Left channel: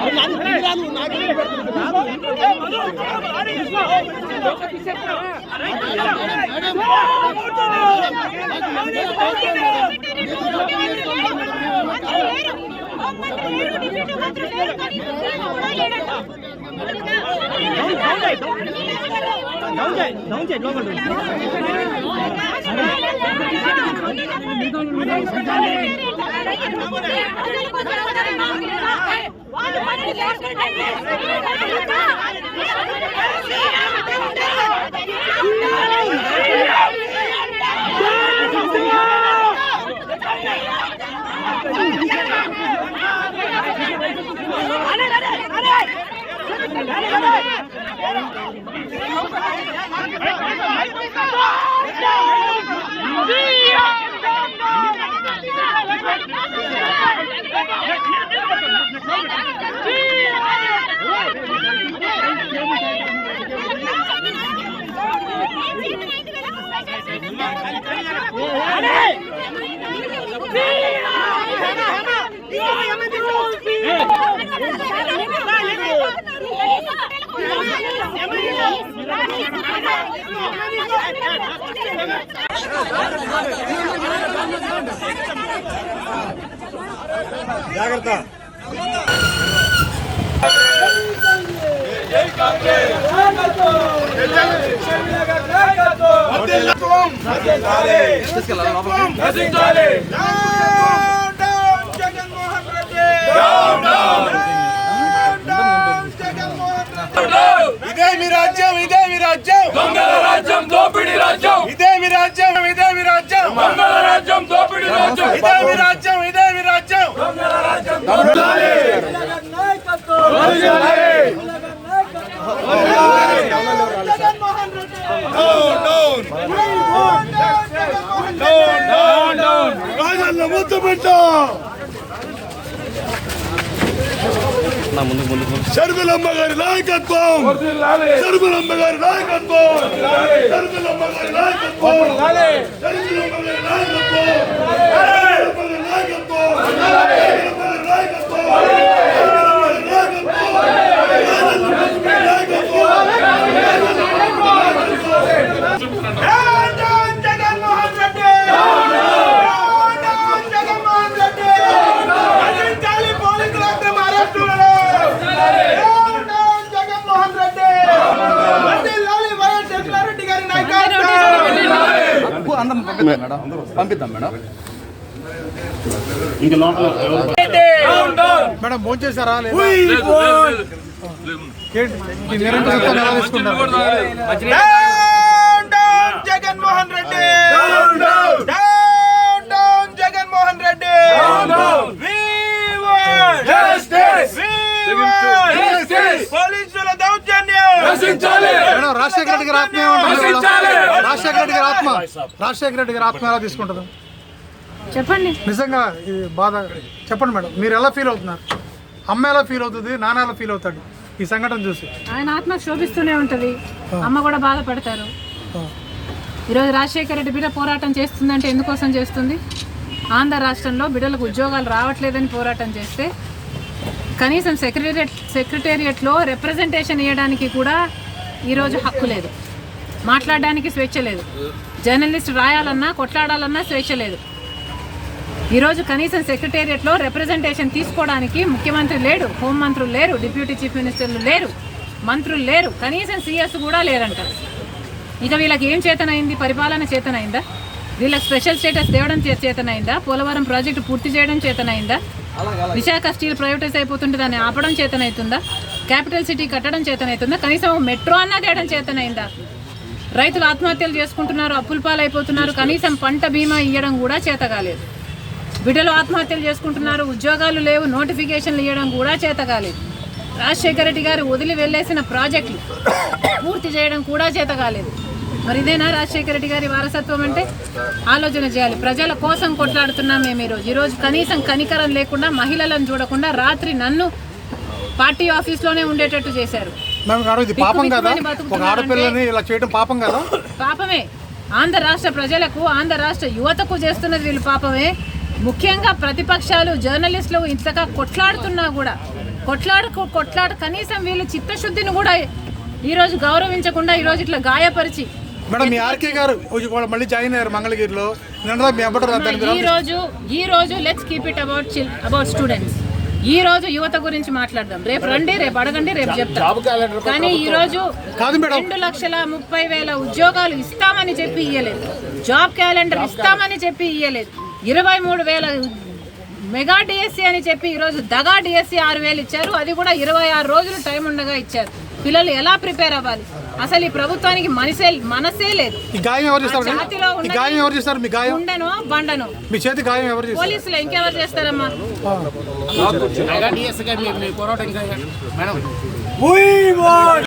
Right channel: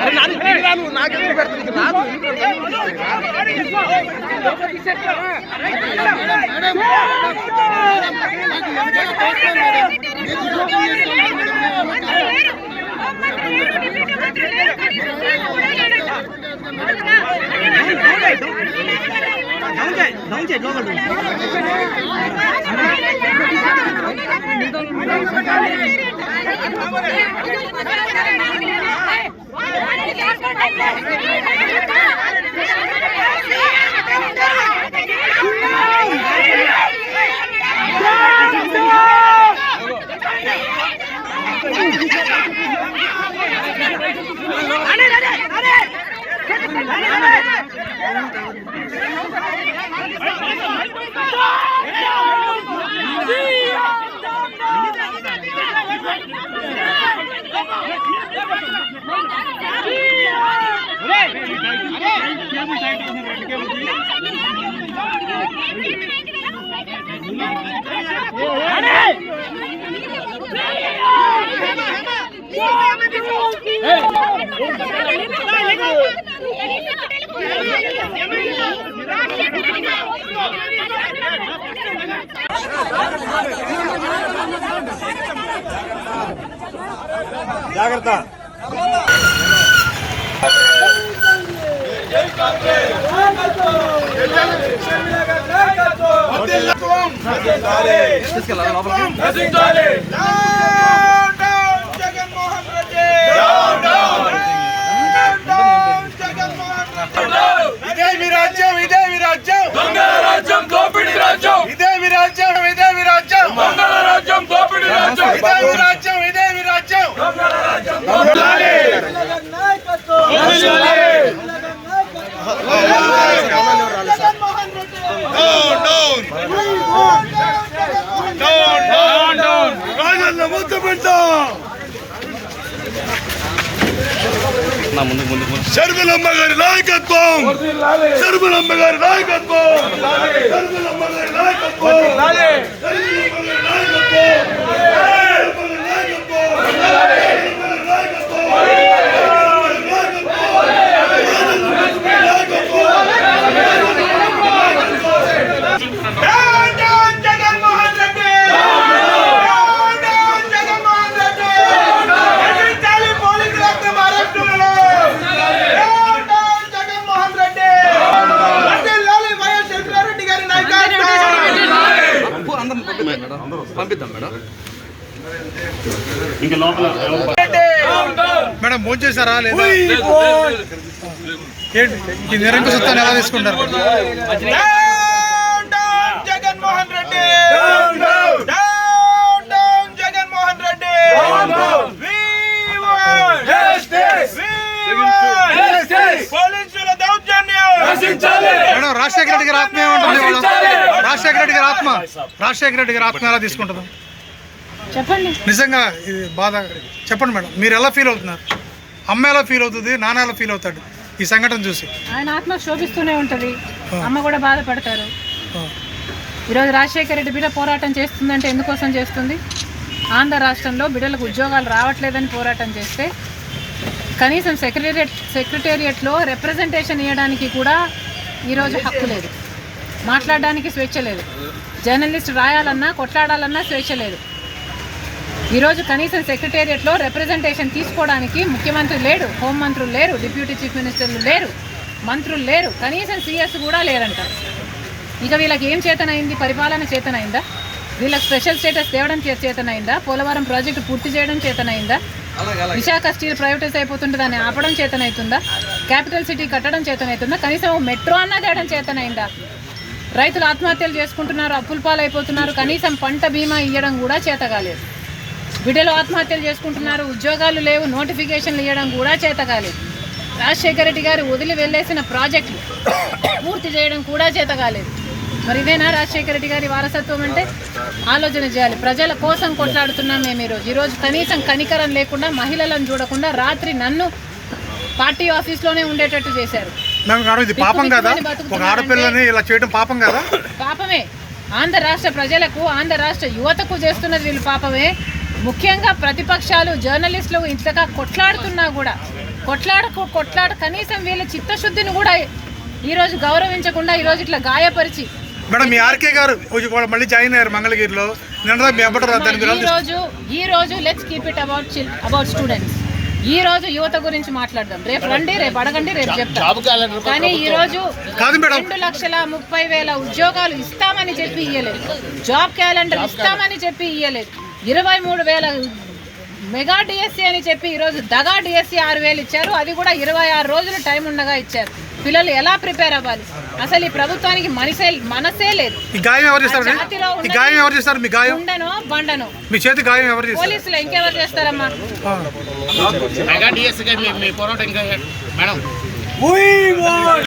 అరే నాది తిరిగిరాను నాకెందుకు పెడతాను రాదు జాగ్రత్త ఇదే మీ రాజ్యం ఇదే మీ రాజ్యం దొంగల రాజ్యం దోపిడీ రాజ్యం ఇదే మీ రాజ్యం ఇదే మీ రాజ్యం దొంగల రాజ్యం దోపిడీ రాజ్యం ఇదే మీ రాజ్యం ఇదే మీ రాజ్యం దొంగల రాజ్యం శర్మిలమ్మ గారి నాయకత్వం శర్మిలమ్మ గారి నాయకత్వం శర్మిలమ్మ గారి నాయకత్వం పంపిద్దాం మేడం. ఇంకా లోపల మేడం ఫోన్ చేశారా లేదా? ఈ నిరంకుశ సత్తాన్ని ఎలా తీసుకుంటారు? జగన్మోహన్ రెడ్డి జగన్మోహన్ రెడ్డి పోలీసుల దౌర్జన్యం మేడం. రాజశేఖర రెడ్డి గారి ఆత్మ ఏమంటుంది? రాజశేఖర రెడ్డి గారి ఆత్మ రాజశేఖర రెడ్డి గారి ఆత్మ ఎలా తీసుకుంటుంది చెప్పండి. నిజంగా ఇది బాధ చెప్పండి మేడం. మీరు ఎలా ఫీల్ అవుతున్నారు? అమ్మ ఎలా ఫీల్ అవుతుంది? నాన్న ఎలా ఫీల్ అవుతాడు ఈ సంఘటన చూసి? ఆయన ఆత్మ శోభిస్తూనే ఉంటుంది, అమ్మ కూడా బాధపడతారు. ఈరోజు రాజశేఖర రెడ్డి బిడ్డ పోరాటం చేస్తుందంటే ఎందుకోసం చేస్తుంది? ఆంధ్ర రాష్ట్రంలో బిడ్డలకు ఉద్యోగాలు రావట్లేదని పోరాటం చేస్తే కనీసం సెక్రటేరియట్లో రిప్రజెంటేషన్ ఇవ్వడానికి కూడా ఈరోజు హక్కు లేదు, మాట్లాడడానికి స్వేచ్ఛ లేదు, జర్నలిస్ట్ రాయాలన్నా కొట్లాడాలన్నా స్వేచ్ఛ లేదు. ఈరోజు కనీసం సెక్రటేరియట్లో రిప్రజెంటేషన్ తీసుకోవడానికి ముఖ్యమంత్రి లేడు, హోంమంత్రులు లేరు, డిప్యూటీ చీఫ్ మినిస్టర్లు లేరు, మంత్రులు లేరు, కనీసం సీఎస్ కూడా లేరంట. ఇక వీళ్ళకి ఏం చేతనైంది? పరిపాలన చేతనైందా? వీళ్ళకి స్పెషల్ స్టేటస్ తేవడం చేతనైందా? పోలవరం ప్రాజెక్టు పూర్తి చేయడం చేతనైందా? విశాఖ స్టీల్ ప్రైవేటైజ్ అయిపోతుంటే దాన్ని ఆపడం చేతనవుతుందా? క్యాపిటల్ సిటీ కట్టడం చేతనవుతుందా? కనీసం మెట్రో అన్నా తేయడం చేతనైందా? రైతులు ఆత్మహత్యలు చేసుకుంటున్నారు, అప్పుల పాలైపోతున్నారు, కనీసం పంట బీమా ఇవ్వడం కూడా చేత కాలేదు. బిడ్డలు ఆత్మహత్యలు చేసుకుంటున్నారు, ఉద్యోగాలు లేవు, నోటిఫికేషన్లు ఇవ్వడం కూడా చేత కాలేదు. రాజశేఖర రెడ్డి గారు వదిలి వెళ్ళేసిన ప్రాజెక్టులు పూర్తి చేయడం కూడా చేత కాలేదు. మరి ఇదేనా రాజశేఖర రెడ్డి గారి వారసత్వం అంటే? ఆలోచన చేయాలి. ప్రజల కోసం కొట్లాడుతున్నాం మేము ఈరోజు కనీసం కనికరం లేకుండా, మహిళలను చూడకుండా రాత్రి నన్ను పార్టీ ఆఫీస్లోనే ఉండేటట్టు చేశారు. పాపం కదా, ఒక ఆడపిల్లని ఇలా చేయడం పాపం కదా? పాపమే. ఆంధ్ర రాష్ట్ర ప్రజలకు, ఆంధ్ర రాష్ట్ర యువతకు చేస్తున్నది వీళ్ళు పాపమే. ముఖ్యంగా ప్రతిపక్షాలు, జర్నలిస్టులు ఇంతగా కొట్లాడుతున్నా కూడా కొట్లాడ కనీసం వీళ్ళ చిత్తశుద్ధిని కూడా ఈరోజు గౌరవించకుండా ఈరోజు ఇట్లా గాయపరిచి. మేడం, మీ ఆర్కే గారు మళ్ళీ జాయిన్ అయ్యారు మంగళగిరిలో. ఈ రోజు let's keep it about students. ఈ రోజు యువత గురించి మాట్లాడదాం. రేపు రండి, రేపు అడగండి, రేపు చెప్తాం. కానీ ఈ రోజు 2,30,000 ఉద్యోగాలు ఇస్తామని చెప్పి ఇయ్యలేదు. జాబ్ క్యాలెండర్ ఇస్తామని చెప్పి ఇయ్యలేదు. 23,000 మెగా డిఎస్సి అని చెప్పి ఈరోజు దగా డిఎస్సి 6,000 ఇచ్చారు. అది కూడా 26 రోజులు టైం ఉండగా ఇచ్చారు. పిల్లలు ఎలా ప్రిపేర్ అవ్వాలి? అసలు ఈ ప్రభుత్వానికి మనసే లేదు. ఉండను బండను మీ చేతి గాయం ఎవరు చేస్తారు? పోలీసులు ఇంకెవరు చేస్తారమ్మా?